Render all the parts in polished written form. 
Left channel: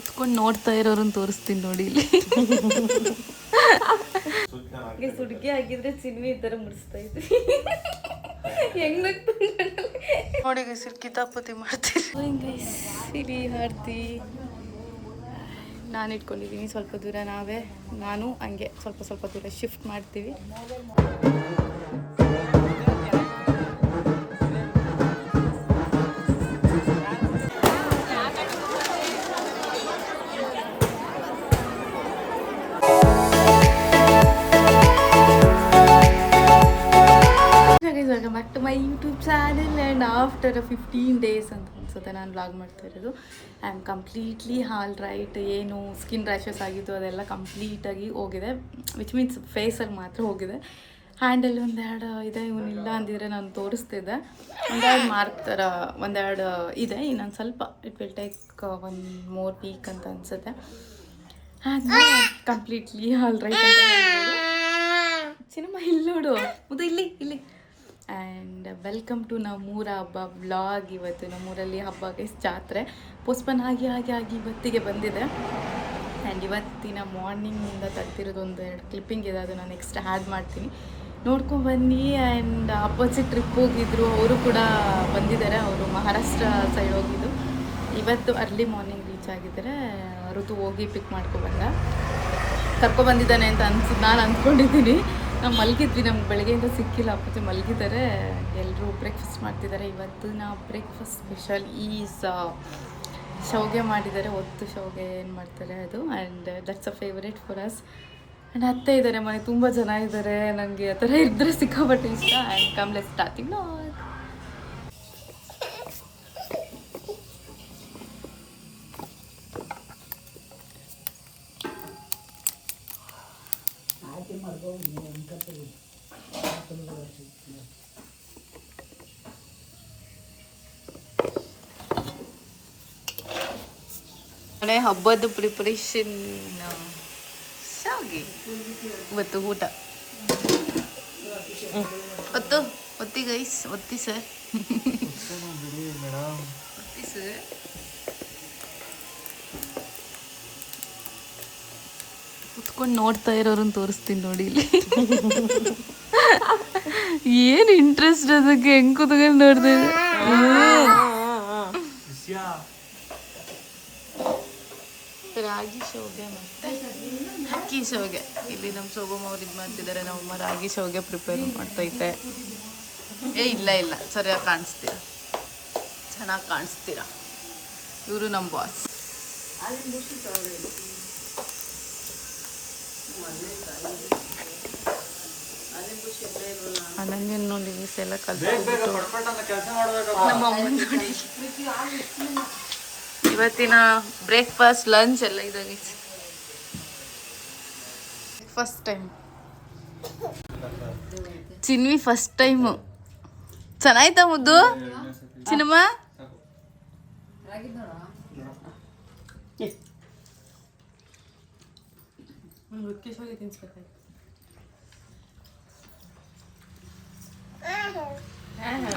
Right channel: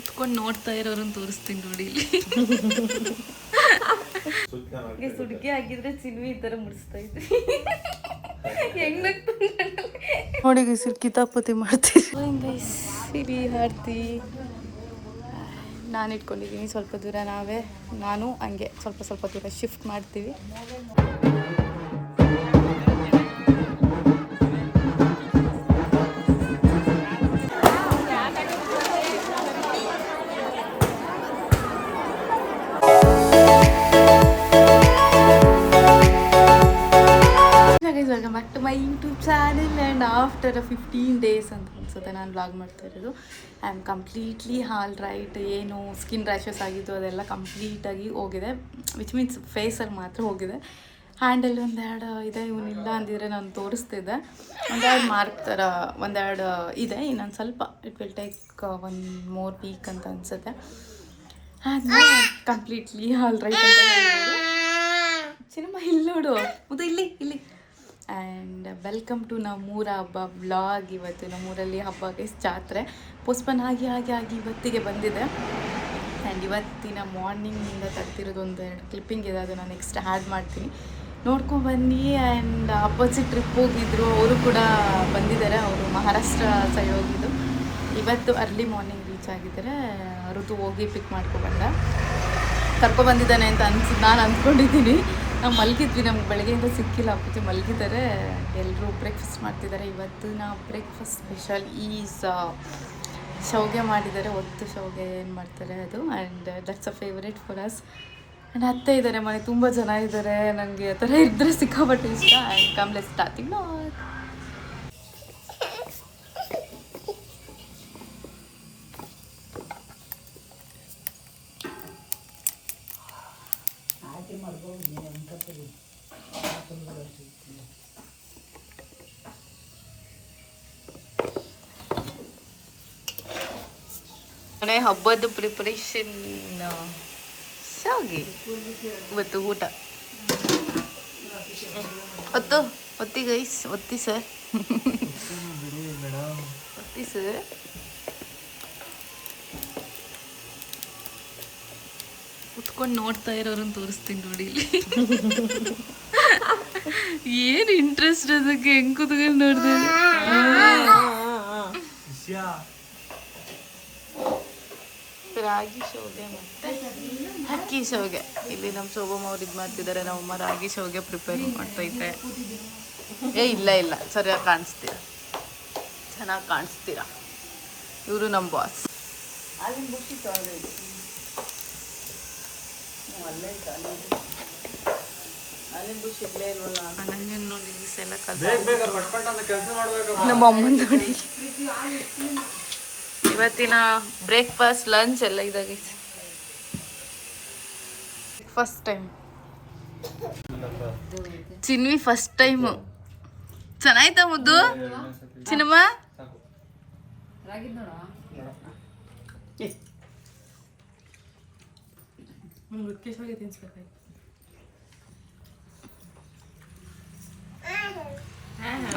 ಕುತ್ಕೊಂಡು ನೋಡ್ತಾ ಇರೋರನ್ನ ತೋರಿಸ್ತೀನಿ ನೋಡಿ ಇಲ್ಲಿ. ಸುಡ್ಗೆ ಹಾಕಿದ್ರೆ ಚಿನ್ನಿ ಈ ಥರ ಮುಡಿಸ್ತಾ ಇದ್ವಿ. ಹೆಂಗ್ ನೋಡಿ ಗೈಸ್ ಕಿತಾಪತಿ ಮಾಡ್ತೀವಿ ಗೈಸ್. ಸಿರಿ ಆರ್ತಿ ನಾನು ಇಟ್ಕೊಂಡಿದ್ದೀನಿ ಸ್ವಲ್ಪ ದೂರ, ನಾನು ಹಂಗೆ ಸ್ವಲ್ಪ ದೂರ ಶಿಫ್ಟ್ ಮಾಡ್ತೀವಿ. Welcome back to my YouTube channel and after 15 days ಅಂತ ಅನ್ಸುತ್ತೆ ನಾನು ವ್ಲಾಗ್ ಮಾಡ್ತಾ ಇರೋದು. I am completely all right. ಏನು ಸ್ಕಿನ್ ರ್ಯಾಷಸ್ ಆಗಿದ್ದು ಅದೆಲ್ಲ ಕಂಪ್ಲೀಟಾಗಿ ಹೋಗಿದೆ, ವಿಚ್ ಮೀನ್ಸ್ ಫೇಸಲ್ಲಿ ಮಾತ್ರ ಹೋಗಿದೆ. ಹ್ಯಾಂಡಲ್ಲಿ ಒಂದೆರಡು ಇದೆ, ಇವನಿಲ್ಲ ಅಂದಿದ್ರೆ ನಾನು ತೋರಿಸ್ತಿದ್ದೆ. ಒಂದೆರಡು ಮಾರ್ಕ್ ಥರ ಒಂದೆರಡು ಇದೆ, ಇನ್ನೊಂದು ಸ್ವಲ್ಪ it will take 1 more week ಅಂತ ಅನಿಸುತ್ತೆ. ಆದ್ಮೇಲೆ ಕಂಪ್ಲೀಟ್ಲಿ ಆಲ್ ರೈಟ್ ಅಂತ ಹೇಳ್ಬೋದು. ಸಿನಿಮಾ ಇಲ್ಲಿ ನೋಡು ಮುದ್ದು, ಇಲ್ಲಿ ಆ್ಯಂಡ್ ವೆಲ್ಕಮ್ ಟು ನಮ್ಮೂರ ಹಬ್ಬ ವ್ಲಾಗ್. ಇವತ್ತು ನಮ್ಮೂರಲ್ಲಿ ಹಬ್ಬ ಗೈಸ್, ಜಾತ್ರೆ ಪೋಸ್ಟ್ಪೋನ್ ಆಗಿ ಇವತ್ತಿಗೆ ಬಂದಿದೆ. ಆ್ಯಂಡ್ ಇವತ್ತಿನ ಮಾರ್ನಿಂಗಿಂದ ತೆಗ್ದಿರೋದು 1-2 ಕ್ಲಿಪ್ಪಿಂಗ್ ಇದೆ, ಅದು ನಾನು ನೆಕ್ಸ್ಟ್ ಆ್ಯಡ್ ಮಾಡ್ತೀನಿ, ನೋಡ್ಕೊಂಡ್ಬನ್ನಿ. ಆ್ಯಂಡ್ ಅಪೋಸಿಟ್ ಟ್ರಿಪ್ ಹೋಗಿದ್ರು, ಅವರು ಕೂಡ ಬಂದಿದ್ದಾರೆ. ಅವರು ಮಹಾರಾಷ್ಟ್ರ ಸೈಡ್ ಹೋಗಿದ್ದು, ಇವತ್ತು ಅರ್ಲಿ ಮಾರ್ನಿಂಗ್ ರೀಚ್ ಆಗಿದ್ದಾರೆ. ಋತು ಹೋಗಿ ಪಿಕ್ ಕರ್ಕೊಬಂದಿದ್ದಾನೆ ಅಂತ ನಾನು ಅಂದ್ಕೊಂಡಿದ್ದೀನಿ. ನಾವು ಮಲಗಿದ್ವಿ, ನಮ್ಗೆ ಬೆಳಗ್ಗೆಯಿಂದ ಸಿಕ್ಕಿಲ್ಲ, ಅಪ್ಪಚ್ಚಿ ಮಲಗಿದ್ದಾರೆ. ಎಲ್ಲರೂ ಬ್ರೇಕ್ಫಾಸ್ಟ್ ಮಾಡ್ತಿದ್ದಾರೆ. ಇವತ್ತಿನ ಬ್ರೇಕ್ಫಾಸ್ಟ್ ಸ್ಪೆಷಲ್ ಈಸ್ ಶಾವಿಗೆ ಮಾಡಿದ್ದಾರೆ, ಒತ್ತು ಶಾವಿಗೆ ಏನು ಮಾಡ್ತಾರೆ ಅದು. And that's a favourite for us. And ಅತ್ತೆ ಇದ್ದಾರೆ, ಮನೆ ತುಂಬ ಜನ ಇದ್ದಾರೆ. ನನಗೆ ಆ ಥರ ಇದ್ದರೆ ಸಿಕ್ಕಾಪಟ್ಟೆ ಇಷ್ಟ. And come let's start the vlog. ಹಬ್ಬದ ಪ್ರಿಪರೇಷನ್ ಶಾವಿಗೆ ಇವತ್ತು ಊಟ. ಒತ್ತಿ ಗೈಸ್, ಒತ್ತಿ ಸರ್, ಒತ್ತಿ ಸರ್. ಕುತ್ಕೊಂಡು ನೋಡ್ತಾ ಇರೋರನ್ನ ತೋರಿಸ್ತೀನಿ ನೋಡಿ ಇಲ್ಲಿ. ಏನು ಇಂಟ್ರೆಸ್ಟ್ ಅದಕ್ಕೆ, ಹೆಂಗ್ ಕುತ್ಕೊಂಡು ನೋಡ್ದೆ. ರಾಗಿ ಶಾವಿಗೆ ಮತ್ತು ಅಕ್ಕಿ ಶಾವಿಗೆ. ಇಲ್ಲಿ ನಮ್ಮ ಶೋಭಮ್ಮ ಅವ್ರು ಇದು ಮಾಡ್ತಿದ್ದಾರೆ, ನಮ್ಮಮ್ಮ ರಾಗಿ ಶಾವಿಗೆ ಪ್ರಿಪೇರ್ ಮಾಡ್ತೈತೆ. ಇಲ್ಲ ಸರಿಯಾಗಿ ಕಾಣಿಸ್ತೀರ, ಚೆನ್ನಾಗಿ ಕಾಣಿಸ್ತೀರ. ಇವರು ನಮ್ಮ ಬಾಸ್. ಅನಂಜನ್ ನೋಡಿ ಎಲ್ಲ ನಮ್ಮ ಅಮ್ಮನ ನೋಡಿ. ಇವತ್ತಿನ ಬ್ರೇಕ್ಫಾಸ್ಟ್ ಲಂಚ್ ಎಲ್ಲ ಇದಾಗಿ ಫಸ್ಟ್ ಟೈಮ್ ಚಿನ್ವಿ, ಫಸ್ಟ್ ಟೈಮು. ಚೆನ್ನಾಯ್ತಾ ಮುದ್ದು ಚಿನ್ನಮ್ಮ?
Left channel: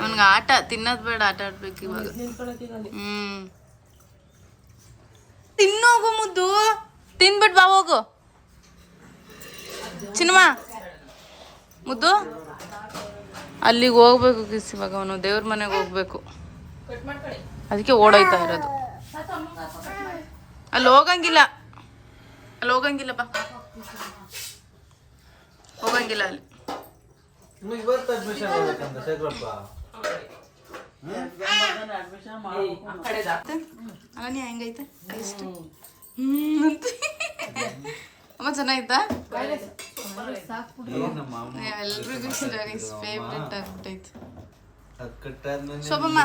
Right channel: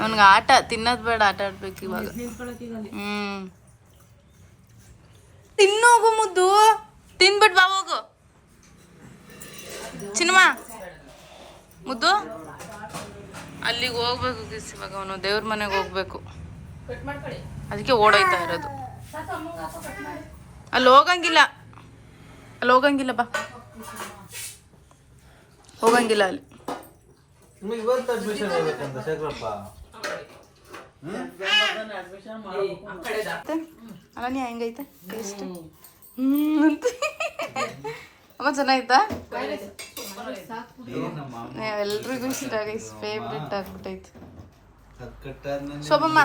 ಅವನಿಗೆ ಆಟ ತಿನ್ನೋದು ಬೇಡ, ಆಟ ಆಡ್ಬೇಕು ಇವಾಗ. ತಿನ್ನೋಗು ಮುದ್ದು, ತಿನ್ಬಿಟ್ಟು ಬಾ ಹೋಗು. ಚಿನ್ನಮ್ಮ ಮುದ್ದು ಅಲ್ಲಿಗೆ ಹೋಗ್ಬೇಕು ಕಿಸ್. ಇವಾಗ ಅವನು ದೇವ್ರ ಮನೆಗೆ ಹೋಗ್ಬೇಕು, ಅದಕ್ಕೆ ಓಡೋಯ್ತಾ ಇರೋದು. ಅಲ್ಲಿ ಹೋಗಂಗಿಲ್ಲ ಬಾ, ಹೋಗಂಗಿಲ್ಲ ಅಲ್ಲಿ. ಅಲ್ಲ ಹೆಂಗೈತೆ ಟೇಸ್ಟ್? ಅಮ್ಮ ಚೆನ್ನಾಯ್ತಾ? ಎಲ್ರಿಗೂ ಇಷ್ಟ ಗೈಸ್, ಫೇವ್ರೆಟ್ ಆಗ್ಬಿಟ್ಟೈತೆ. ಶೋಭಮ್ಮ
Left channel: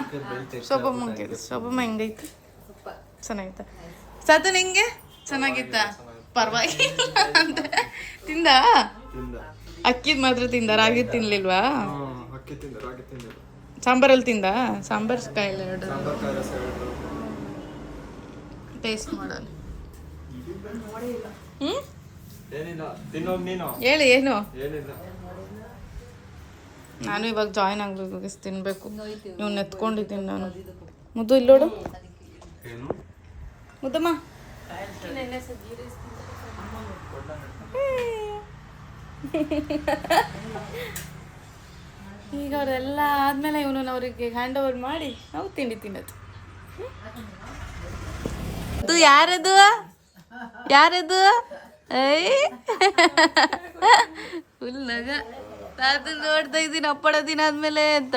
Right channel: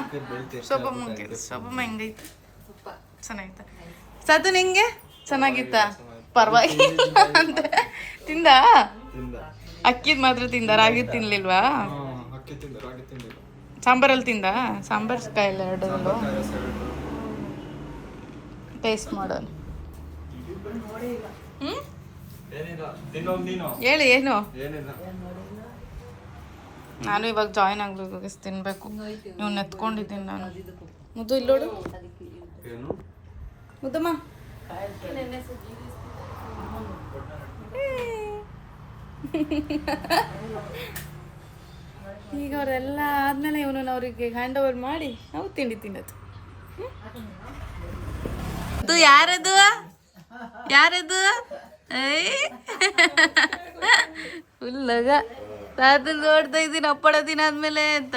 ಹೆಂಗೈತೆ? ಚೆನ್ನಾಯ್ತಾ? ಸಾತು ನಿಂಗೆ ಚೆನ್ನಾಗಿತ್ತ? ಪರವಾಗಿಲ್ಲ ಅಂತ ತಿಂದ? ಅಕ್ಕಿದ್ ಮಾತ್ರ ತಿಂದ, ರಾಗಿ ತಿನ್ಲಿಲ್ವಾ? ಸಾಂಬಾರಲ್ಲಿ ತಿಂದ? ಸಾಂಬಾರ್ ಕಾಯಿಲ್ಲ ಎರಡರಲ್ಲೂ ಟೇಸ್ಟ್ ಮಾಡೋಣ. ಹೇಳಿ ಏನು? ನಾನು ಇವಾಗ ಜಾಯ್ನ್ ಆಗ್ಬೇಕು, ತಿನ್ಬೇಕು. ಇವ್ನ ಎತ್ಕೊಂಡಿದ್ದೀನಿ ನಾನು. ಮುದ್ದು ಇಲ್ಲೋಡು ಮುದ್ದಮ್ಮ, ಈಗ ಅವರೆಲ್ಲ ಆದ್ಮೇಲೆ ಇವನು ಅವ್ರಿಗೆ ಹ್ಯಾಂಡ್ ಓವರ್ ಮಾಡಿ ನಾವು ತಿಂಡಿ ತಿನ್ನೋದು. ಅದು ಯಾರದು ಯಾರದು ಫುಲ್ ನಗ. ನಾನು ನೋಡ್ತಾ ಇದ್ದೀನಿ ಅಪ್ಪಡ ದಿನ ಆದ್ಮೇಲೆ ಅಂತ.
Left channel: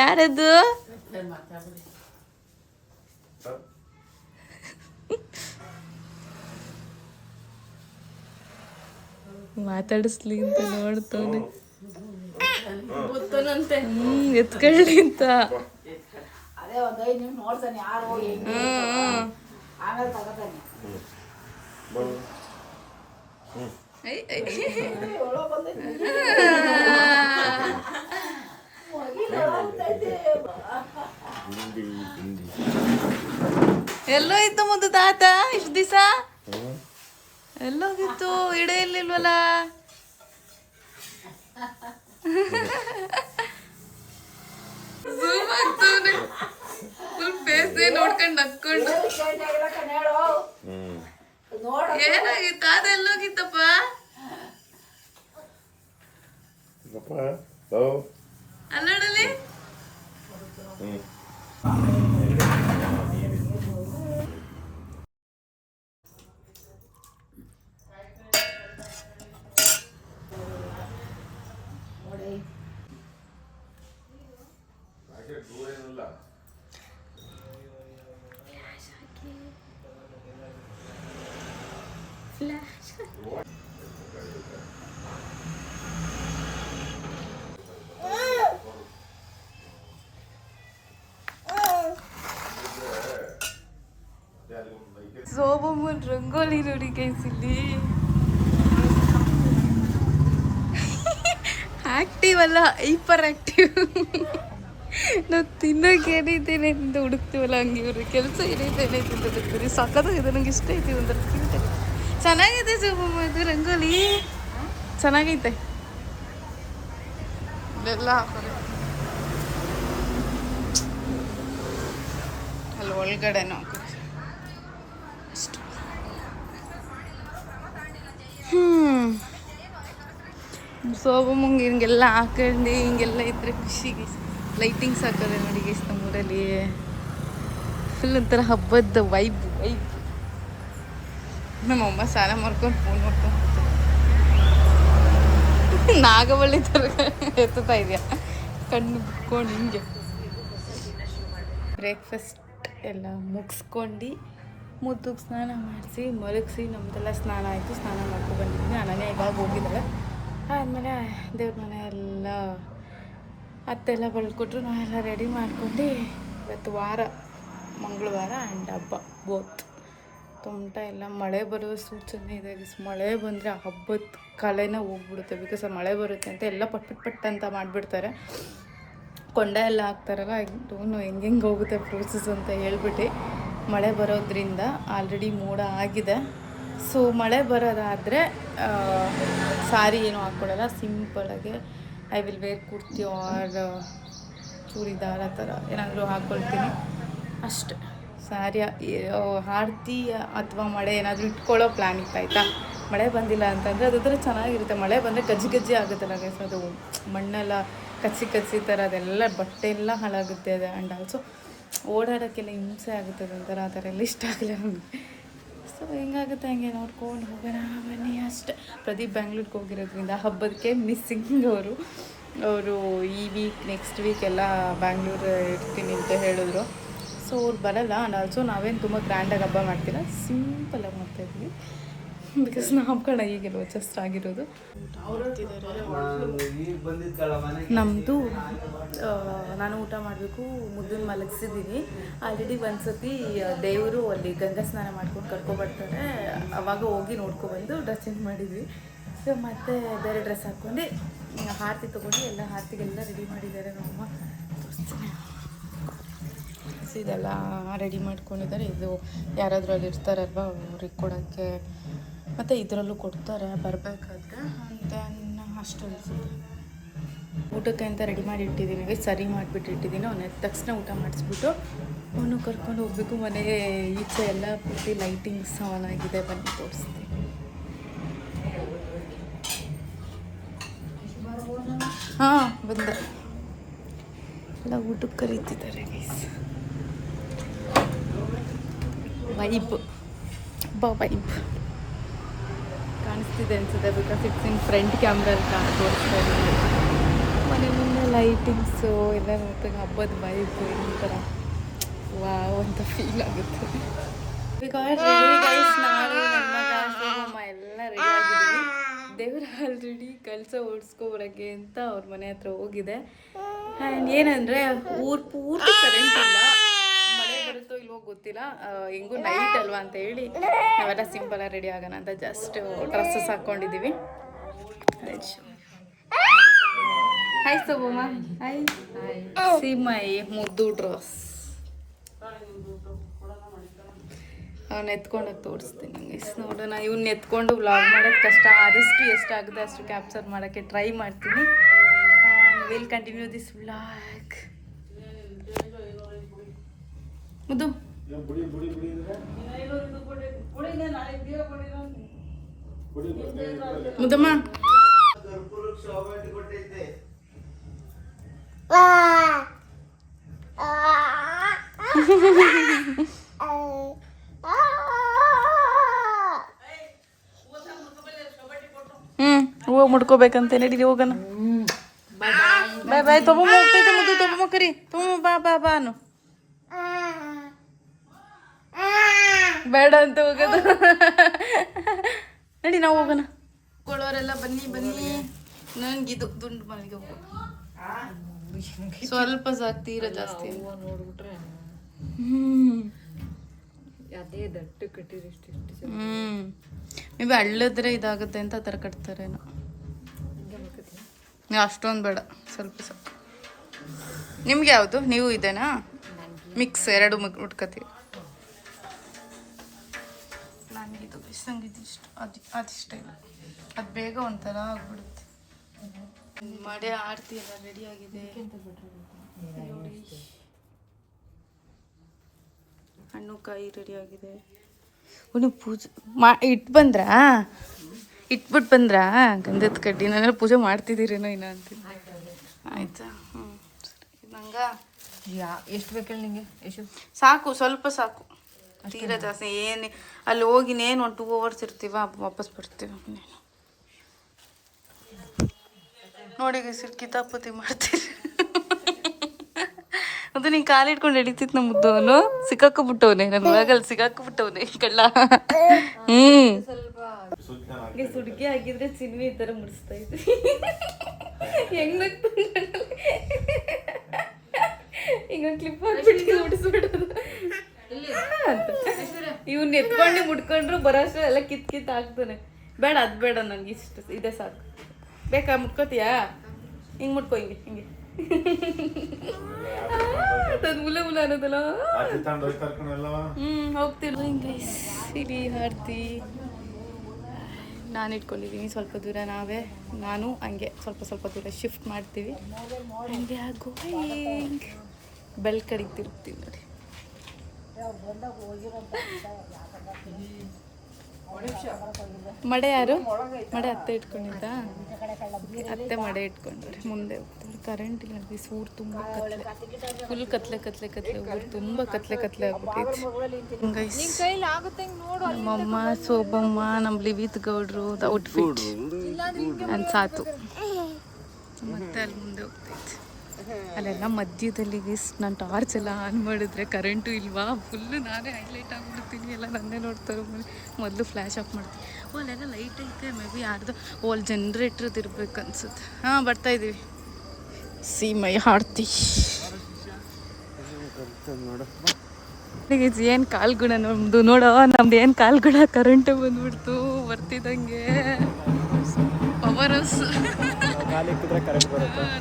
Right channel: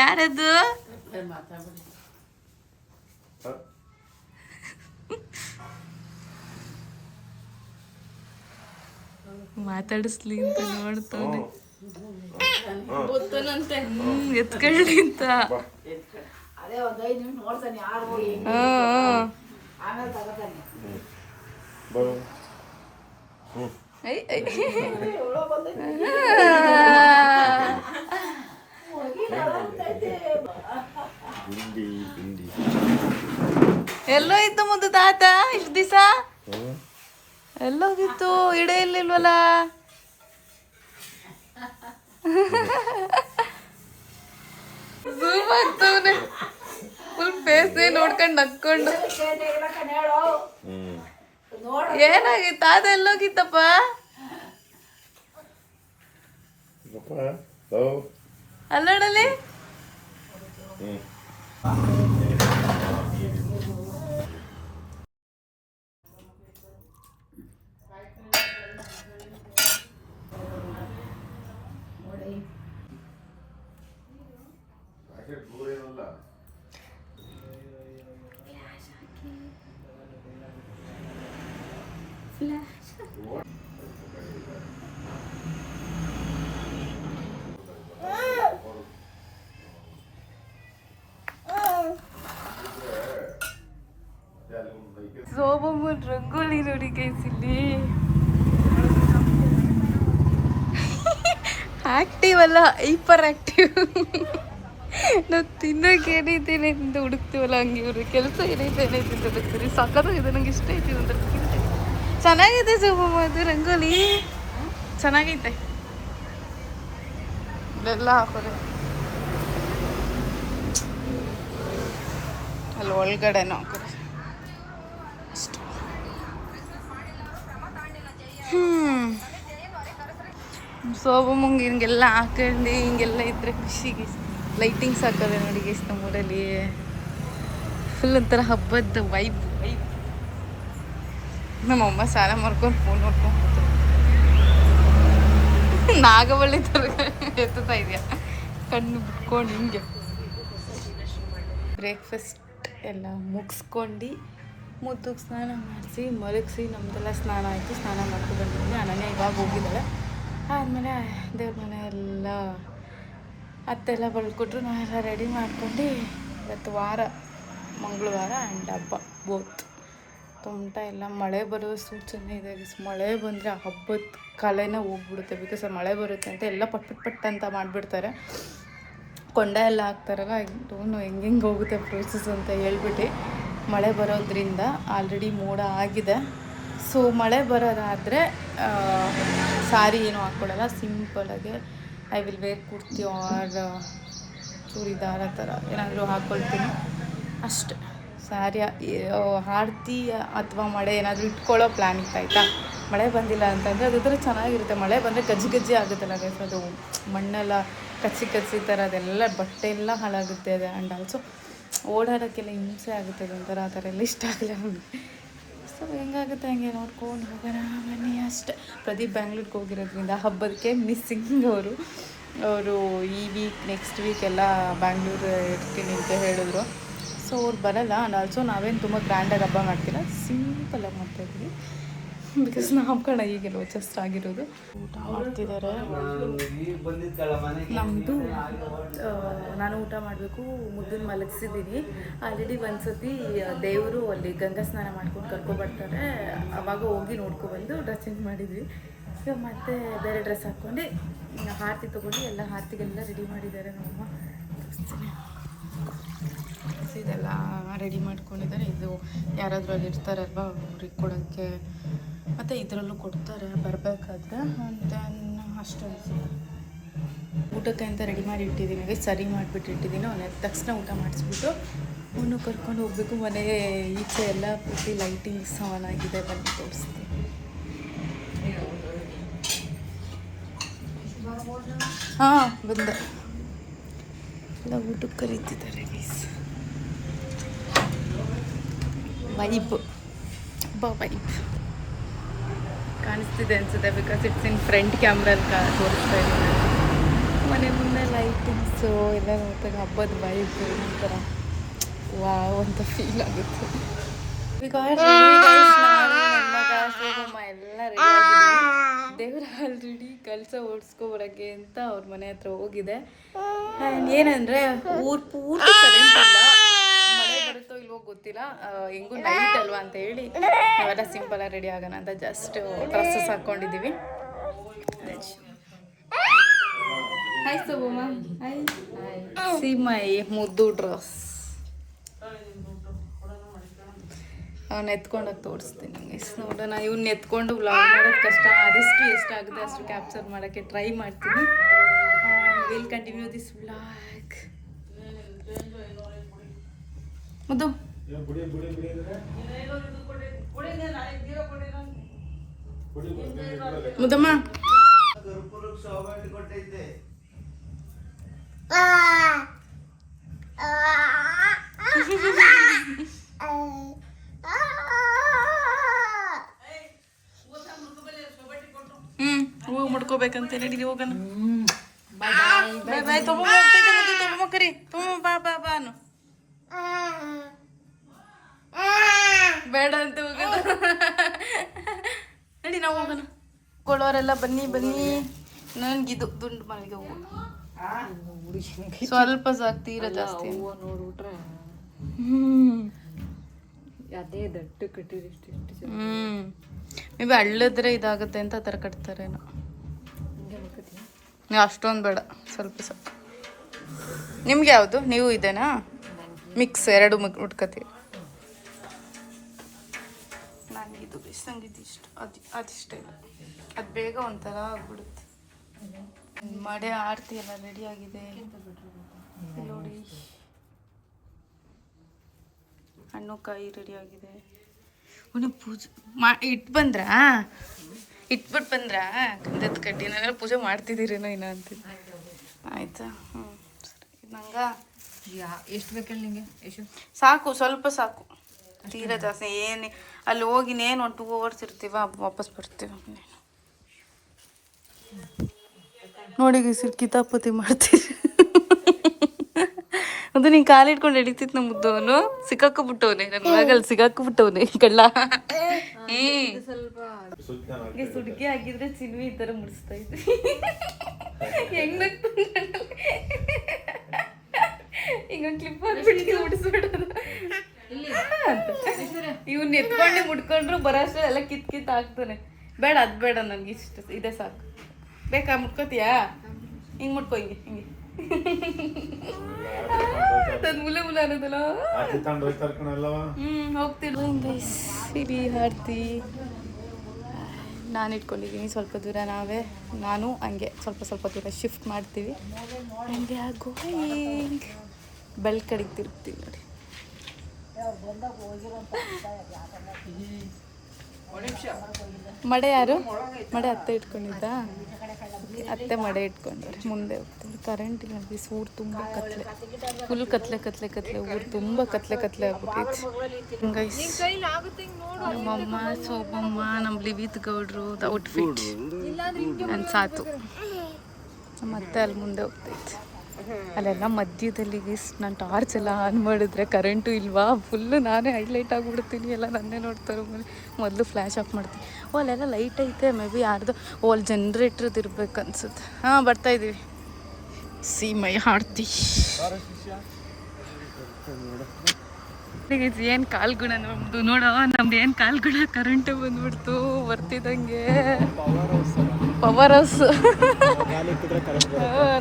ಯಾರದು ಮಾತಾಡಿಸ್ಲಿ ಅಂತ ನೋಡ್ತಾನೆ. ಎತ್ಕೊಳ್ಳಿ ಅಂತ. ಎಲ್ಲೋ ಇತ್ತು ಮುದ್ದು ತಾತ ಇಷ್ಟು ದಿವಸ ಎಲ್ಲೋಗಿತ್ತು ಇಡೇ ಇರ್ಲಿಲ್ವಲ್ಲ. ಝೂಮ್ ಆಗ್ತವನೆ ಫುಲ್ ಫೇಸ್ ನೋಡ್ಕೊಂಡು ನಕ್ಕೊಂಡು. ಏನಾಗಿತ್ತ ಅದ ಎಲ್ಲೋಗಿತ್ತಪ್ಪ? ಅಲ್ಲೋಡಲಿ ಸೋಬಮ್ಮನ್ ರಂಗೋಲಿ ನೋಡಿ ಗೈಸ್ ಇಲ್ಲಿ. ಆಕ್ಟಿವ್ ಅಲ್ಲ, ಹೈಪರ್ ಆಕ್ಟಿವ್. ನಾವು ತಿನ್ನೋಕೆ ಏನೈತೇನೆ ಅಂತ ಹುಡುಕ್ತೀವಲ್ಲ ಹಂಗೆ ಇವ್ರು ಕೆಲಸ ಏನೈತೇನೆ ಅಂತ ಹುಡುಕ್ತೀವಿ. ಸಖತ್ತಾಗಿದೆ, ನಂಗೆ ಇಷ್ಟ ಐತಿ. ಒಂಥರ ಚೆನ್ನಾಗಿದೆ ಸೋಬಮ್ಮ ಅದು ರಂಗೋಲಿ ಚೆನ್ನಾಗೈತೆ. ಇಲ್ಲೆಲ್ಲ ಹಾಕೋರೆ ಅಲ್ಲಿ ಒಳಗಡೆನೂ ಹಾಕೋರೆ ಅಷ್ಟು. ಸೋಬಮ್ಮಂಗೆ ಹಿಂಗೆಲ್ಲ ಹಾಕೊಂಡು ಹಿಂಗೆಲ್ಲ ಇದ್ರೆ ಖುಷಿಗೆ ಲೈಟಿಂಗ್ಸ್ ಹಾಕೋದೆ ನೋಡಿ ಗೈಸ್ ನಮ್ಮೂರಲ್ಲಿ. ಫುಲ್ ಒಂಥರ ಹಬ್ಬದ ವೈಬ್. ನಮ್ಮಮ್ಮ ಸ್ನಾನ ಮಾಡ್ಕೊಂಡು ಫೋನ್ ನೋಡ್ಕೊಂಡು ನಾಗವಳ್ಳಿ ಥರ ಎತ್ತುತ್ತಾ ಇದೆಯಾ ಕಣ್ಣು ಬಿಟ್ಕೊಂಡು ಹಿಂಗೆ. ಬ್ರೇಕ್ಫಾಸ್ಟ್ ಎಲ್ಲ ಮುಗಿಸ್ಕೊಂಡು ಮುದ್ದುಗೆ ಸ್ನಾನ ಮಾಡಿಸಿ ಮಲಗಿಸಿ ನಮ್ಮದೆಲ್ಲ ಸ್ನಾನ ಆಯಿತು. ಸ್ನಾನ ಮಾಡ್ಕೊಂಡು ಬಂದಿದ್ದೆ. ಅನನ್ಯ ಇವಾಗ ಹೋಗಿದ್ದಾಳೆ. ಆದಮೇಲೆ ದೇವ್ರ ಮನೆ ಎಲ್ಲ ಅತ್ತೆಲ್ಲ ಬಳ್ಕೊಟ್ರು. ನಾವೆಲ್ಲ ರೆಡಿ ಮಾಡ್ಕೊಂಡು ಇವತ್ತು ವಾರ ಮಂಗಳವಾರ ಆ್ಯಂಡ್ ಹಬ್ಬ ಬೋತ್. ತೊಮಟ ಎಲ್ಲ ಮಳೆ ಬರೋ ಸೂಚನೆ ಇದೆ. ಮಳೆ ಬಂದರೆ ಹಬ್ಬದ ಕಲೆನೇ ಹೋಗ್ಬಿಡುತ್ತೆ. ಬಿಕಾಸ್ ಮಳೆ ಬರುತ್ತೆ ಅಂತ ಎಲ್ಲ ಪಟ್ ಅಂತ ಮಾಡಿಬಿಡ್ತಾರೆ. ಕೊಂಡ ಎಲ್ಲ ಹಾಕ್ತಾರಲ್ಲ, ಡೋನು ಹೆಂಗೆ ಹೋಗುತ್ತೆ ಪ್ರೋಸೆಸ್ ಅಂತ ಹೇಳ್ಬಿಟ್ಟು ಮಳೆ ಬರೋದ್ರಿಂದ ಆಲ್ರೆಡಿ ಮೋಡ ಆಗಿದೆ. ಸೊ ಮಳೆ ಬರೋದಾದರೆ ಸಾರಿ ಏನೂ ಹಾಕ್ಕೊಡಲ್ಲ, ಸಿಂಪಲಾಗಿ I will wear kurti or churidar ಥರ ಏನಾದರೂ ಹಾಕ್ಕೊಳ್ತೀನಿ ಅಷ್ಟೆ. ಸಾರಿ ಆರತಿ ಅಥವಾ ಮಳೆ ಏನಾದರೂ ಇಟ್ಕೊಳ್ಳೋ ಪ್ಲ್ಯಾನ್ ಇತ್ತು ಆಯಿತಾ. ಮಳೆ ಬಂದಿಲ್ಲ ಅಂತಂದರೆ ಅದಾದ್ರೆ ಚೆನ್ನಾಗಿರುತ್ತೆ. ಮಳೆ ಬಂದರೆ ಗಜ್ಜಿ ಆಗುತ್ತಲ್ಲ ಗೈಸ್, ಅದು ಮಣ್ಣೆಲ್ಲ ಕಚ್ಚಿ ಥರ ಅದೆಲ್ಲ ಬಟ್ಟೆ ಎಲ್ಲ ಹಾಳಾಗುತ್ತೆ. ಅದು ಆ್ಯಂಡ್ ಆಲ್ಸೋ ಓಡಾಡೋಕ್ಕೆಲ್ಲ ಹಿಂಸೆ ಆಗುತ್ತೆ. ಅದೊಂಥರ ಆ ಥರ ಎಲ್ಲ ಇಷ್ಟ ಆಗಲ್ಲ ನಮಗೆ. ಸೊ ಹೆಂಗಾಗುತ್ತೆ ಹಂಗೆ ನೋಡ್ಕೊಂಡು ಹೋಗೋಣ ಬನ್ನಿ ಅಷ್ಟೆ. ಪ್ರದೀಪ್ ಬ್ಯಾಂಗ್ಳೂರ್ಗೆ ಹೋಗಿರೋದ್ರಿಂದ ಹಬ್ಬದಕ್ಕೆ ಮಿಸ್ಸಿಂಗ್ ಅವರು ಈ ವೀಕ್ ನೆಕ್ಸ್ಟ್ ವೀಕ್ ಎಲ್ಲ ಬ್ಯಾಂಗ್ಳೂರು ಇರ್ತೀನಿ ಅಂತ ಹೇಳಿದ್ರು. ಸೊ ಅವ್ರು ಬರೋಲ್ಲ. ಆ್ಯಂಡ್ ಆಲ್ಸೋ ನಾವೇನು ತುಂಬ ಗ್ರ್ಯಾಂಡಾಗಿ ಹಬ್ಬ ಮಾಡ್ತೀರ, ಸಿಂಪಲಾಗಿ ಮಾಡ್ತಾಯಿದ್ವಿ. ಬಿಕಾಸ್ ನಾಮಕರಣ ಈಗೆಲ್ಲ ಜಸ್ಟ್ ಆಗಿರೋದು. ಊಟ ಮಾಡ್ತಿದ್ದಾರೆ. ನಮ್ಮದು ನಾನು ಊಟ ಮಾಡಬೇಕು. ಮುದ್ದನ್ನು ಮಲಗಿಸಿದ್ದೀನಿ. ಆಲ್ರೆಡಿ ಒಂದು ಸತಿ ದೇವರು ಅಲ್ಲಿ ಗಂಗಾ ಸ್ನಾನ ಮಾಡ್ಕೊಂಡು ಕರ್ಕೊಬರ್ತಾರೆ. ಅವಾಗ ಹೋಗಿ ನೋಡ್ಕೊಬಂದು ಡ್ರೆಸ್ ಚೇಂಜ್ ಮಾಡಿದ್ವಿ. ಸೊ ಮತ್ತೆ ಬೇರೆ ಡ್ರೆಸ್ ಹಾಕ್ಕೊಂಡು ಆರತಿ ತೊಗೊಂಡು ಎಲ್ಲ ಆರತಿಗೆಲ್ಲ ರೆಡಿ ಮಾಡಿದ್ದಾರೆ ನಮ್ಮಮ್ಮ. ಇದೆಲ್ಲ ರೆಡಿ ಮಾಡ್ಕೊಂಡಿದ್ದಾರೆ. ಇದು ಯಾರಾದರೂ ಅಲ್ಲಿ ಇರ್ತಾರಲ್ವ ಅವ್ರಿಗೆ ಕೊಡೋಕ್ಕೆ, ಮತ್ತು ಇದರಲ್ಲೂ ಕೊಡ್ತಾರೆ ಬರಬೇಕಾದ್ರೆ ಅಂತ ಅಷ್ಟು ಅನಿಸುತ್ತೆ. ಊಟಕ್ಕೆ ಅಂತ ರೆಡಿ ಮಾಡಿ ಇಟ್ಟಿದ್ದೀನಿ, ಸರಿ ಮಾಡಿಬಿಟ್ಟು ಇಟ್ಟಿದ್ದೀನಿ. ಅವನ ತಕ್ಷಣ ಊಟ ಮಾಡಿಸ್ಬಿಟ್ಟು ಅವನು ಕರ್ಕೊಂಡು ಹೋಗ್ಬೇಕು. ಮನೆ ಈಚೆ ಎಲ್ಲ ಪೂರ್ತಿ ಲೈಟಿಂಗ್ಸ್ ಆನ್ ಆಗಿದೆ, ಬನ್ನಿ ತೋರಿಸ್ತೀನಿ. ಹಾಂ ಬಂದೆ, ಎಲ್ಲ ಊಟಕ್ಕೆ ಕರೀತಿದ್ದಾರೆ ಗೈಸ್. ವೈಬ್ ವೈಬ್ ಕಾಣಿಸ್ತಿದೆ ಅನಿಸುತ್ತೆ, ಬಿಕಾಸ್ ಇಟ್ಸ್ ಇನ್ ಫ್ರಂಟ್ ಕ್ಯಾಮ್ರಲ್ಲಿ ತೋರಿಸ್ತಾ ಇದ್ದೀನಿ. ಮನೆ ಮುಂದೆ ಲೈಟಿಂಗ್ಸು ಎಲ್ಲ ನೋಡಿದಾಗ ಹಬ್ಬದ ವೈಬ್ ಒಂಥರ ವಾವ್ ಅಂತ ಫೀಲ್ ಆಗುತ್ತೆ. ಬಿಕಾಸ್ ನಾನು ನನ್ನ ಮಗ ಶೋಭಮ್ಮ ಎಲ್ಲ ರೆಡಿ ಆಗಿದ್ದೀವಿ. ದೇವ್ರ ಆಲ್ರೆಡಿ ಕೆಲಸ ಓಡಿಸ್ಕೊಬರೋಕ್ಕೆ ಅಂತ ಅವ್ರ ಮನೆ ಹತ್ರ ಹೋಗಿದೆ. ಆ್ಯಂಡ್ ಏನಂದರೆ ಊರು ಪೂರ್ತಿ ಕರೆಂಟ್ ಇಲ್ಲ, ಮಳೆ ಬರುತ್ತೋ ಇಲ್ವೋ ಗೊತ್ತಿಲ್ಲ. ಹೆಂಗೂ ನೈಟ್ ಅಲ್ವಾ ಅಂತ ಹೇಳಿ ನಾವೆಲ್ಲ ಸಿಂಪಲಾಗಿ ರೆಡಿ ಆಗೋಣ ಅಂತ ಜಸ್ಟ್ ಡ್ರೆಸ್ಸಸ್ ಹಾಕ್ಕೊಂಡಿದ್ದೀವಿ. Hi Shobhamma, hi. See my ಮುದ್ದು ಡ್ರೆಸ್. ಅವ್ನು ಎತ್ಕೊಂಡೋಗಿ ತೋರಿಸ್ತೀನಿ ನಂಗೆ ನೋಡೋಣ. ಇವ್ನ ಎತ್ಕೊಂಡು ವ್ಲಾಗ್ ಮಾಡೋದು ಕಷ್ಟ, ಆದಷ್ಟು ಎಷ್ಟಾಗುತ್ತೆ ಅಷ್ಟು ಕ್ಯಾಪ್ಚರ್ ಮಾಡೋಕ್ಕೆ ಟ್ರೈ ಮಾಡ್ತೀನಿ. Will continue this vlog. ಮುದ್ದು ಮುದ್ದಮ್ಮ ಹೂವು ಮುಡ್ಕೋಬೇಕಂತ ನಡೀಲಿ ಹೋಗೋಣ. ಬಾಯ್ ಬಾಯ್. ತೊಗೊಂಬ ಹೋಗ್ತೈತೆ ಮುದ್ದು, ತೊಗೊಂಬ ಕರಿ, ತೊಗೊಂಬ ಬಾ ಬಾ ಬಾ ಅನ್ನು. ಬೇಡ ಅಂತ ಹೋಗೋದು. ನಡಿ ನಾವು ಹೋಗೋಣ. ಕೊಳ್ಳೋರೆಲ್ಲ ಬನ್ನಿ ಬನ್ನಿ. ನನಗಿದು ದುಂಡು ಮಲ್ಲಿಗೆ ಹೂವು ಸ್ವಲ್ಪ ಸಾಕು, ತೀರ ಜಾಸ್ತಿ ನೋಡ್ಬಿಟ್ರೆ. ಅದೇ ದಟ್ಟು ಕಟ್ಟಿರಿ. ಮೇ ಬಿ ಹಳ್ಳದ್ರೆ ಇದಾಗುತ್ತೆ ಅಂತ ಆ ಥರ ಕಟ್ತಾರೇನೋ. ಅಷ್ಟೊಂದು ಬೇಡ, ಸ್ವಲ್ಪ ಸಾಕು. ನಿಮ್ಗೆ ಯಾವುದು? ನೀವು ಇದೆನಾ ಮಿಕ್ಸ್ ಎರಡು ಉಟ್ಕೋತೀವಿ. ನನಗಿದು ಬಿಸಂಗಿದ್ದು ಇಷ್ಟ, ಅದಿಷ್ಟ ಇಲ್ಲ, ಅದು ಬೇಗ ಒಂಥರ ಆಗ್ಬಿಡುತ್ತೆ. ಮಡೆ ಆರತಿ ಎಲ್ಲ ರೆಡಿ ಆಗಿದೆ ನೋಡಿ. ಹಣ್ಣು ಕಾಯಿ ರೆಡಿ ಆಗಿದೆ. ನೀವು ಪೂಜೆ ಇಟ್ಬಿಟ್ಟು ಬಂದ್ರಾ ಗಂಧದ ಕಡ್ಡಿ? ನಾನೆಲ್ಲ ಪೂಜೆ ಮಾಡ್ತಿದ್ದೀರೇನೋ ಇನ್ನ ಅಂತಿದ್ದೆ. ಆಯ್ತಾ? ಹ್ಞೂ ಸರಿ. ನಂಗೆ ಎಷ್ಟು ಬೇಕಲ್ಲ ನಿಮಗೆ? ಎಷ್ಟು ಸಾಕು? ಸ್ವಲ್ಪ ಸಾಕು, ತೀರ ಜಾಸ್ತಿ ಏನು. ಅಲ್ಲಿ ಹೋಗಿನೇನು ಒಂದು 2 hours ಇರ್ತೀವ, ವಾಪಸ್ ಬರ್ತೀವಿ. ನೋಡಿ ಕಿತಾಪತಿ ಮಾಡ್ತೀರಿ. ಅದು ನೀನು ಕಾಲಿಟ್ಕೊಂಡು ಹಿಡಿತಿತ್ತು ನಮ್ಮ ಮುದ್ದವನು. ಸಿಕ್ಕಾಕೊಬಿಟ್ಟವನೆ, ನನ್ನ ಒಳಗಲ್ಲಿ ಸಿಕ್ಕಾಕೊಬಿಟ್ಟವನೆ ಕಳ್ಳ. ಸುಡ್ಗಿ ಹಾಕಿದ್ರೆ ಚಿನ್ವಿ ಈ ಥರ ಮುಡಿಸ್ತಾ ಇದ್ದೆ. ಹೆಂಗ್ ಈಗ ಕ್ಲಿಪ್ ಹಾಕ್ಬಿಟ್ಟು ಮುಡಿಸ್ಬಿಡೋದು. ಇವನ್ ಎತ್ಕೊಂಡು ಮುಡ್ಕೊಂಡ್ರು ಬರೋಷ್ಟು ಎಲ್ಲ ಕಿತ್ ಹಾಕ್ತಾನೆ. ಬೇಡ ಅದು ಬೇಡ, ನನಗೆ ಇಷ್ಟ ಇದೆ ಸಾಕು. ಬೇಕಾ? ಮುಟ್ಕೋತೀಯಾ? ಹಿಂಗೆ ಮುಟ್ಕೋ, ಹಿಂಗೆ ಹಿಂಗೆ. ಮುಲ ಮುಲ ಅನ್ನೋದಲ್ಲ. ಹೋಗ್ತೀವಿ ಹಿಂಗೆ ಸಿರಿ ಆರ್ತಿ. ನಾನು ಇಟ್ಕೊಂಡಿದ್ದೀನಿ ಸ್ವಲ್ಪ ದೂರ, ನಾನು ಹಂಗೆ ಸ್ವಲ್ಪ ದೂರ ಶಿಫ್ಟ್ ಮಾಡ್ತೀವಿ. And we are going. Bell ಕಡೆಗೆ ತಿರುಗ್ತೀವಿ ನೋಡಿ. ಮಡೆ ಯಾರು? ಮಡೆ ಅತ್ತೆ ಇಟ್ಕೊಂಡಿದ್ದ. ಅತ್ತೆ ಮಡೆ ಇಟ್ಕೊಂಡವ್ರೆ, ಮುಂದೆ ಹೋಗ್ತಾರೆ. ಕರೆಂಟ್ ಇಲ್ಲ, ಊರು ತುಂಬ ಕತ್ಲೆ, ಫುಲ್ ಕತ್ಲೆ. ಊರು ತುಂಬ ಕತ್ಲೆ ಆಗ್ಬಿಟ್ಟೈತಿ. ನಮ್ಮಮ್ಮ ಶೋಭಮ್ಮ, ನಮ್ಮ ಲಿವಿತ್ ಗೌಡ್ರು ಔಟ್ಫಿಟ್ ಆ್ಯಂಡ್ ಸಾತು. ನಮ್ಮ ಅತ್ತೆ ಅಲ್ಲಿ ಮುಂದೆ ಹೋಗ್ತೈತಿ. ಅಲ್ಲೆಲ್ಲ ಮಧ್ಯದಲ್ಲಿ ನಾನು ಟಾರ್ಚ್ ಎಲ್ಲ ಆನ್ ಮಾಡಿದ್ರೆ ಕರೆಂಟು ಇಲ್ವಾ, ಫುಲ್ಲು ನಾನೇ ಹೈಲೈಟ್ ಆಗಿಬಿಡ್ತೀನಿ. ಎಲ್ಲ ನನ್ನೇ ನೋಡ್ತಾರೆ. ಮೊದಲು ಫ್ಲ್ಯಾಶ್ ಆಫ್ ಮಾಡ್ತೀನಿ. ಅಲ್ಲೆಲ್ಲ ಲೈಟ್ ಐತೆ, ಮೇ ಬಿ ಯಾರ್ದು ಅಲ್ಲಿ ಜನ್ರೇಟ್ರದ್ದು ಇರ್ಬೇಕು ಅನ್ಸುತ್ತೆ. ಹಾಂ ಬರ್ತಾಯಿದ್ದೀವಿ. ಸೀಮೈ ಆಡ್ತಿ. ಏನು ಕಾಲ್ಗುಣ ನಮ್ಮದು ನೋಡೋ, ನಮ್ದು ಏನು ಕಾಲ್ಗುಣ. ಕರೆಂಟು ಬಂದ್ಬಿಡ್ತು ಬರ್ತಿದ್ದಂಗೆ. ಪವರ್ ಹೌಸ್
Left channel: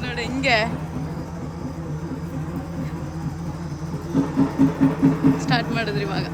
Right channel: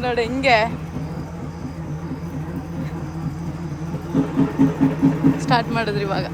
ನೋಡಿ ಹೆಂಗೆ ಸ್ಟಾರ್ಟ್ ಮಾಡಿದ್ರಿ ಇವಾಗ.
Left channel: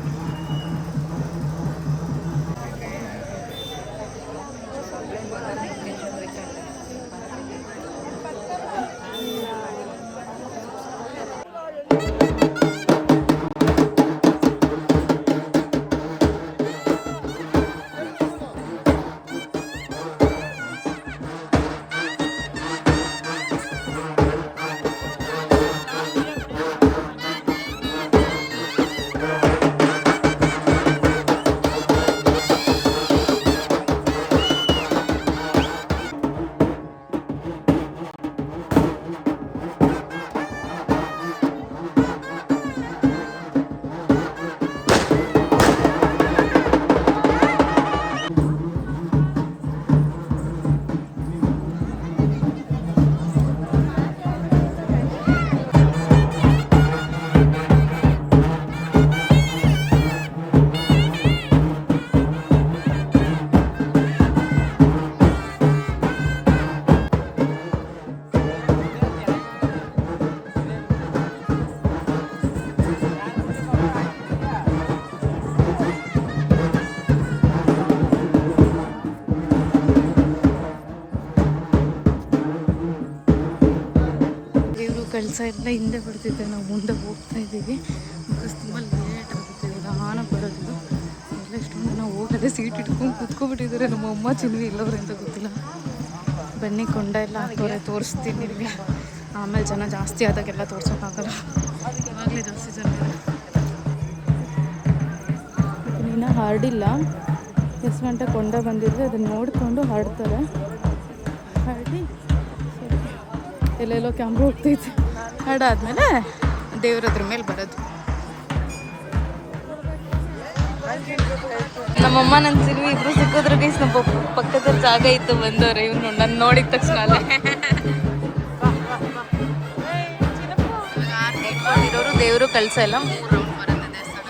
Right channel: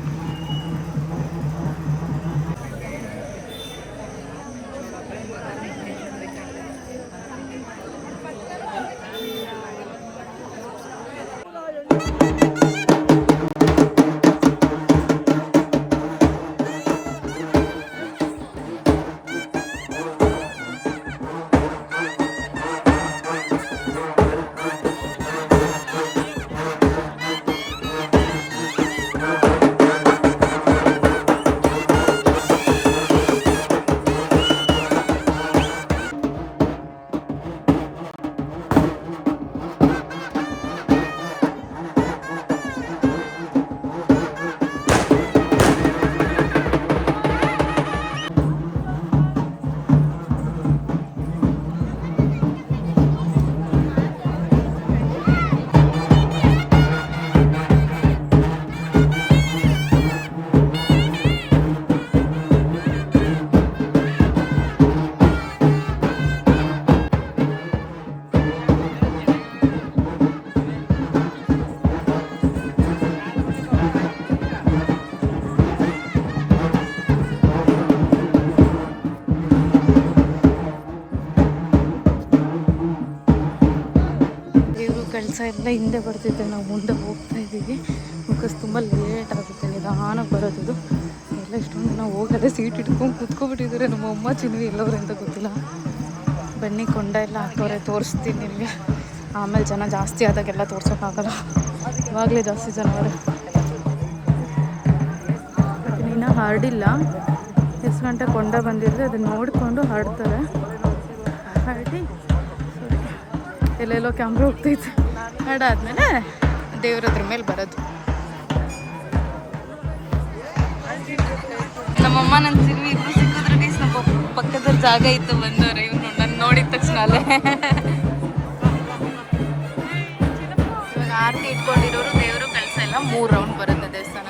ಕೆಲಸ ಎಲ್ಲ ಹಿಂದೆ ಬರ್ತಿದ್ದೆ, ನಾವು ಮುಂದೆ ಹೋಗ್ತಾ ಇದ್ದೀವಿ. ಬಿಕಾಸ್ ತುಂಬ ಲೇಟ್ ಆಗುತ್ತೆ, ನಿಧಾನಕ್ಕೆ ಬರೋದು. ಎಲ್ಲ ಇಷ್ಟೊಂದು ಜನ ಹೋಗದೆ ಸೀಟ್ ಇಟ್ಕೊಂಡು ಕೂತ್ಕೊಬಿಟ್ಟಿದ್ದಾರೆ. ನಮ್ಮ ಅಮ್ಮ ಚಿನ್ವಿ ಎಲ್ಲವ್ರೆ ಅಂತ ಗೊತ್ತಿಲ್ಲ. ಬನ್ನಿ, ಕೊಂಡ ಎಲ್ಲ ಹಾಕೋರೆ, ತೋರಿಸ್ತೀನಿ ನಿಮಗೆ. ಆಮೇಲೆ ಜನ ಜಾಸ್ತಿ ಆದಾಗೆಲ್ಲ ತೋರ್ಸೋಕ್ಕಾಗಲ್ಲ, ಇವಾಗಲೇ ಜಾಸ್ತಿ ಜನ ಅವರೇ. ಮತ್ತು ಇನ್ನೂ ಹರಡಿಲ್ಲ, ಎಷ್ಟು ಗಂಟೆ ಕೊಂಡ ಬಂದಿದ್ರೆ ಅದನ್ನು ನೋಡಿಕೊಂಡು ಹರಡ್ತಾರೆ. ಹರಡಿ ಎಲ್ಲೆಲ್ಲೋ ಕ್ಯಾಮ್ರಾ ಹೋಗ್ತೈತೆ. ಹರಡಾದ್ಮೇಲೆ ದೇವ್ರದ್ರ ಮೇಲೆ ಬರೋದು. ನಮ್ಮಮ್ಮ ನನ್ನ ಸಿಲ್ವಿ ಇಬ್ರು ಸಿಕ್ಕಿದ್ರು ಗೈಸ್. ನಮ್ಮ ಪಕ್ಕದಲ್ಲಿ ಜಾಗ ಇತ್ತು, ಬಂದವ್ರೆ. ಇವನು ನನ್ನ ನೋಡಿದ ತಕ್ಷಣ ಅಲ್ಲೇ ಆರ್ತಿ ಇಟ್ಕೊಂಡಿರೋರು ದೇವರು ಕಳ್ಸ ಎಲ್ಲ 3 ರೌಂಡ್ ಬರುತ್ತೆ ದೇವಸ್ಥಾನ.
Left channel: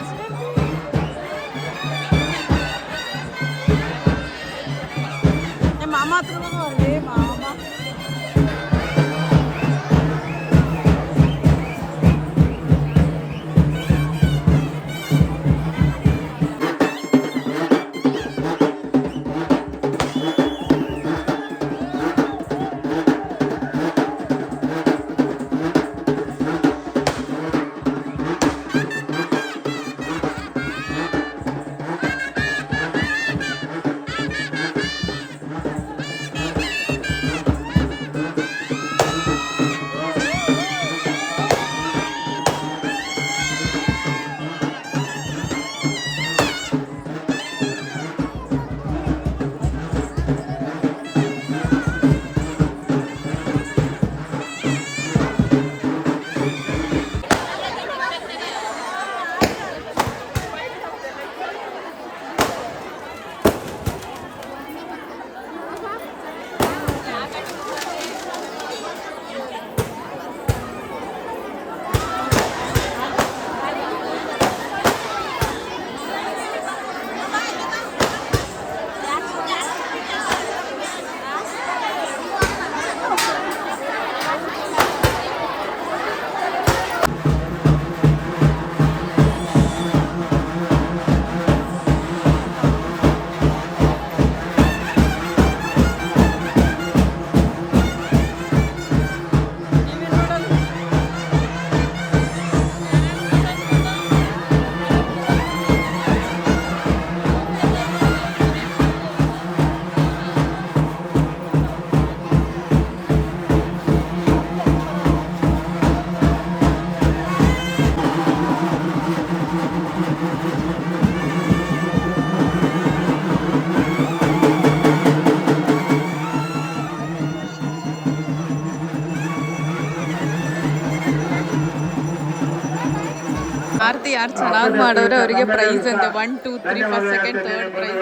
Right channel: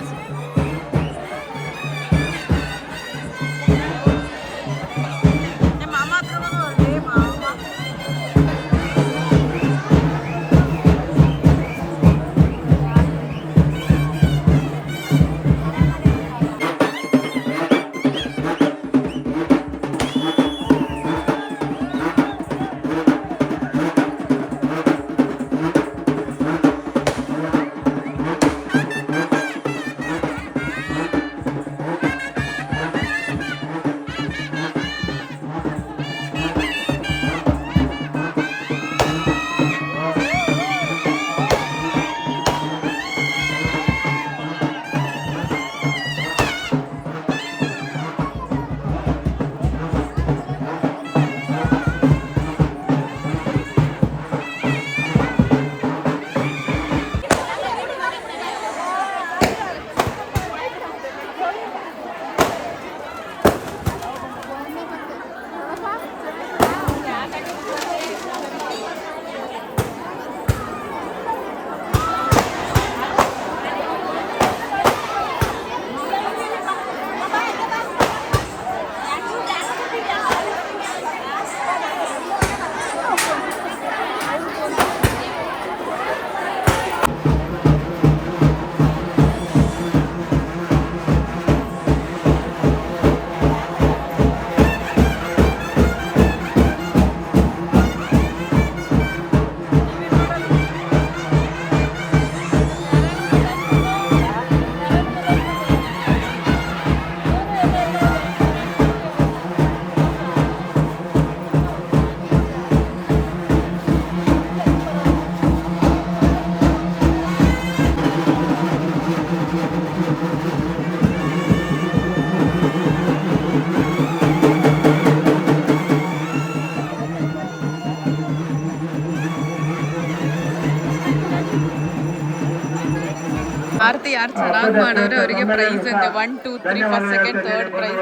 ಆರತಿ ಯಾರು ಚೆನ್ನಾಗಿ ಮಾಡೋರೆ ಅವರಿಗೆ ಪ್ರೈಸ್ ಅಂತೆ. 1 2 3 first second third prize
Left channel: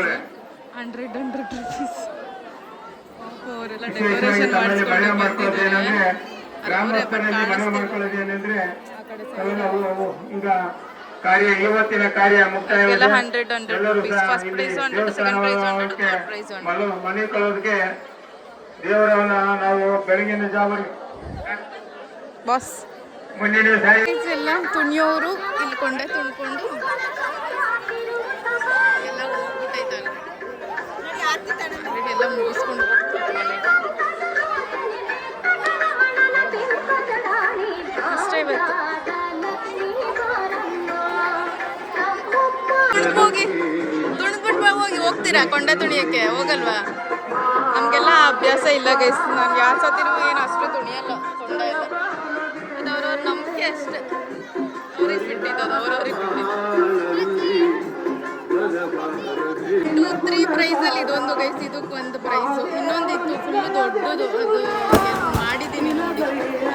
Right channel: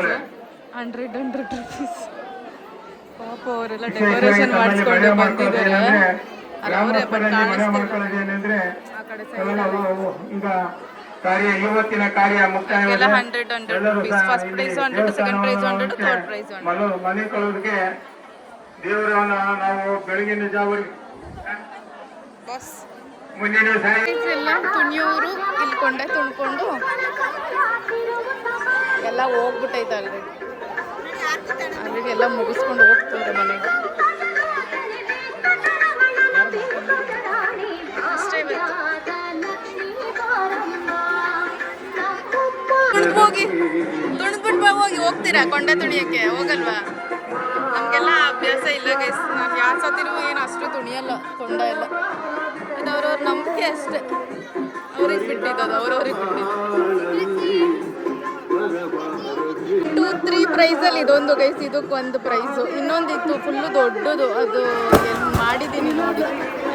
100 rupees. ಪಾಪ ಅವರೆಲ್ಲ ಡೆಕೋರೇಷನ್ ಮಾಡಿಸ್ಕೊಂಡು ಬಂದಿದ್ದಾರೆ. ಅವರೇ ಬಟ್ ಕಾಣಿಸ್ತಿಲ್ಲ ಆ ಕಡೆ ಕಾರ್ಯ ಇವತ್ತಿನ ಕಾರ್ಯ ಮುಕ್ತಾಯ 100 rupees. First prize 100, second prize 100, third prize 100. ಮನೆ ಕಳೋದಕ್ಕೆ ದೇವರನ್ನ ನಾವು ಬೆಳಗಿನ ಜಾವರಿಗೆ ಬಾಸ್ ಮುಂದಿನ ಎಲ್ಲ ತುಣಿಯೋರು ಇಲ್ಕೊಂಡೆ ತುಣ್ಕೊಂಡು ಎಲ್ಲ ಹೋಗ್ಬಿಟ್ಟೈತೆ ಆಲ್ರೆಡಿ ಎಲ್ಲ ಮುಗಿಸ್ಕೊಂಡು ಹೋಗ್ತವ್ರೆ ಮನೆಗೆ. ಅಷ್ಟೇ ಇವತ್ತು. ತುಣಿದ್ಬಿಟ್ಟು ಹೋಗಿ ಹೋಗ್ತೀರಾ ಕೊಂಡೆ ತುಣಿಯಕ್ಕೆ? ಹೋಗಲ್ವಾ? ನಮಗೆಲ್ಲ ಅಭ್ಯಾಸ ಇಲ್ಲ ಗೈಸ್. ನಾನು ಯಾರ ಸತಿನೂ ಏನು ಅಷ್ಟು ತುಣಿಯಲ್ಲ, ತೊಂಡ ಎಲ್ಲ. ಇದು ಅವ್ರವ್ರ ನಂಬಿಕೆ ಅಷ್ಟೇ, ಅವ್ರಿಗೆ ಬಿಟ್ಟಿದ್ದು, ಅವ್ರವ್ರಿಗೆ ಬಿಟ್ಟಿದ್ದು. 2 3 ಪ್ರೈಸಲ್ಲಿ ಇದೊಂದು ಗೈಸ್, ಇದಕ್ಕೆ ಒಂದು ಪ್ರೈಸು. ಇನ್ನೊಂದಿತ್ತು ಫುಲ್ಲು ದೊಡ್ಡದು, ಅದು ಮಾಡಿದ್ದೀನಿ ನೋಡಿ,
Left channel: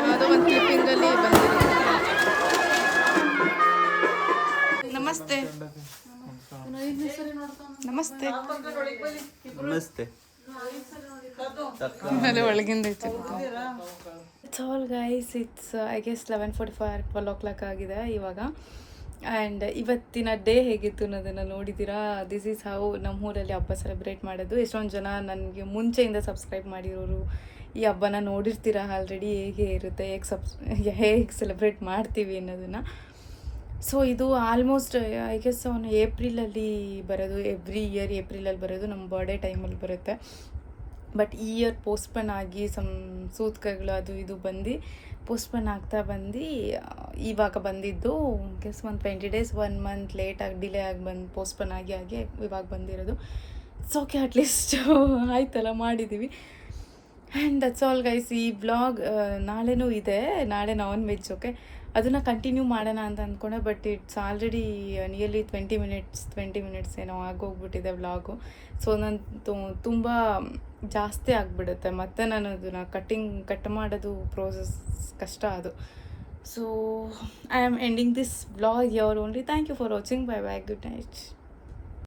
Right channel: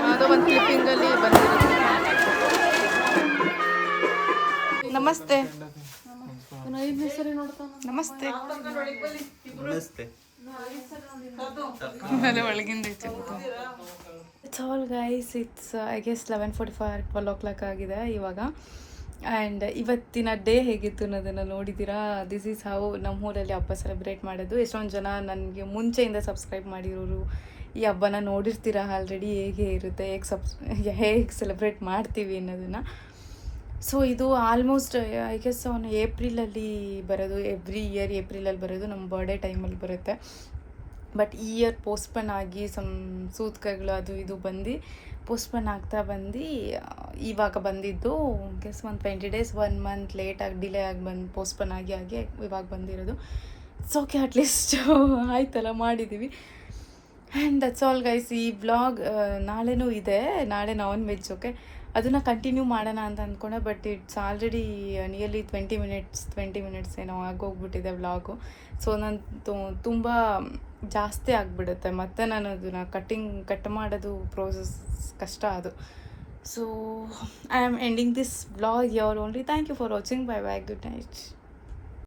ಯಾವುದೋ ಒಂದು ಕ್ಲಿಪ್ಪಿಂಗಲ್ಲಿ ಬಂದಿರೋದು. ನಮಸ್ತೆ ನಮಸ್ತೆ ನಮಸ್ತೆ. ಅದೇ ಒಳಗಿಂದ ಐತಿ. It's all guys, it's I guess 11:45 12 o'clock ಆಗಿದೆ ಇವಾಗ. ಆ್ಯಂಡ್ ಇವತ್ತಿನ ಡೇ ಹೇಗಿತ್ತು ಅನ್ನೋದನ್ನು ನೋಡಿದ್ದೀರಾ. ದಿಸ್ ಈಸ್ ಹೌ ನಮ್ಮೂರಲ್ಲಿ ಹಬ್ಬ ಸೆಲೆಬ್ರೇಟ್ ಮಾಡೋದು. ಎಷ್ಟೊಂದು ಜನ ನನಗೆ ಮುಂಚೆಯಿಂದ ಸಬ್ಸ್ಕ್ರೈಬ್ ಮಾಡಿರೋರು ಈ ಹಬ್ಬನ ನೋಡಿರ್ತೀರ ಆಲ್ರೆಡಿ, ಹೇಗೆ ಇರುತ್ತೆ, ಹೇಗೆ ಸೆಲೆಬ್ರೇಟ್ ಮಾಡ್ತೀವಿ ಅನ್ನೋದನ್ನು. ಸೊ ಇದು ಆಲ್ಮೋಸ್ಟ್ ಐ ಗೆಸ್ ಅವನು ಏಪ್ರಿಲಲ್ಲಿ ಬರೋದು, ಎವ್ರಿ ಇಯರ್ ಏಪ್ರಿಲಲ್ಲಿ ಬರೋದು, ನಮ್ಮ ಬರ್ಡೇ ಟೈಮಲ್ಲಿ ಬರುತ್ತೆ. ಬಟ್ ಈ ಇಯರ್ ಪೋಸ್ಟ್ಪೋನ್ ಆಗಿ ಸೂತ್ಕಗಳು ಅದು ಇದು ಬಂದು ಪೋಸ್ಟ್ಪೋನ್ ಆಗ್ತಾ ಬಂದು ಇವಾಗ ಬಂದಿದ್ದು ಗೆಸ್ ಒಂದು 20 ಡೇಸ್ 1 ಮಂತ್ ಲೇಟಾಗಿ ಡಿಲೇ ಆಗಿ ಪೋಸ್ಟ್ಪೋನ್ ಆಗಿ ಇವಾಗ ಬಂದಿರೋದು. ಇಟ್ಸ್ ಓಕೆ, ಅಟ್ಲೀಸ್ಟ್ ಆಯ್ತಲ್ಲ, ಮಾಡಿದ್ದೀವಿ. And that's all guys. ಈ ವ್ಲಾಗ್ ನಾಳೆನೂ ಇದೆ, ನಾಳೆ ನಾನ್ ವೆಜ್. ಓಕೆ, ಅದನ್ನು ಕಂಟಿನ್ಯೂ ಮಾಡೋಣ ಅಂತ ಅಂದ್ಕೊಂಡೆ, but it's already nearly 20 minutes ಏನೋ ಆಗೋಗ್ಬಿಟ್ಟಿದೆ ವ್ಲಾಗು. ಸೊ ನಾನು ತುಂಬ ಜಾಸ್ತಿ ಆಗಿಬಿಡುತ್ತೆ, ಮತ್ತು ನಾನು ಅದನ್ನು ಕಟ್ ಮಾಡೋದು ಪ್ರೋಸೆಸ್ ಕಷ್ಟ ಅದು. So I am ending this vlog here only. Thank you for watching. Bye bye, good night.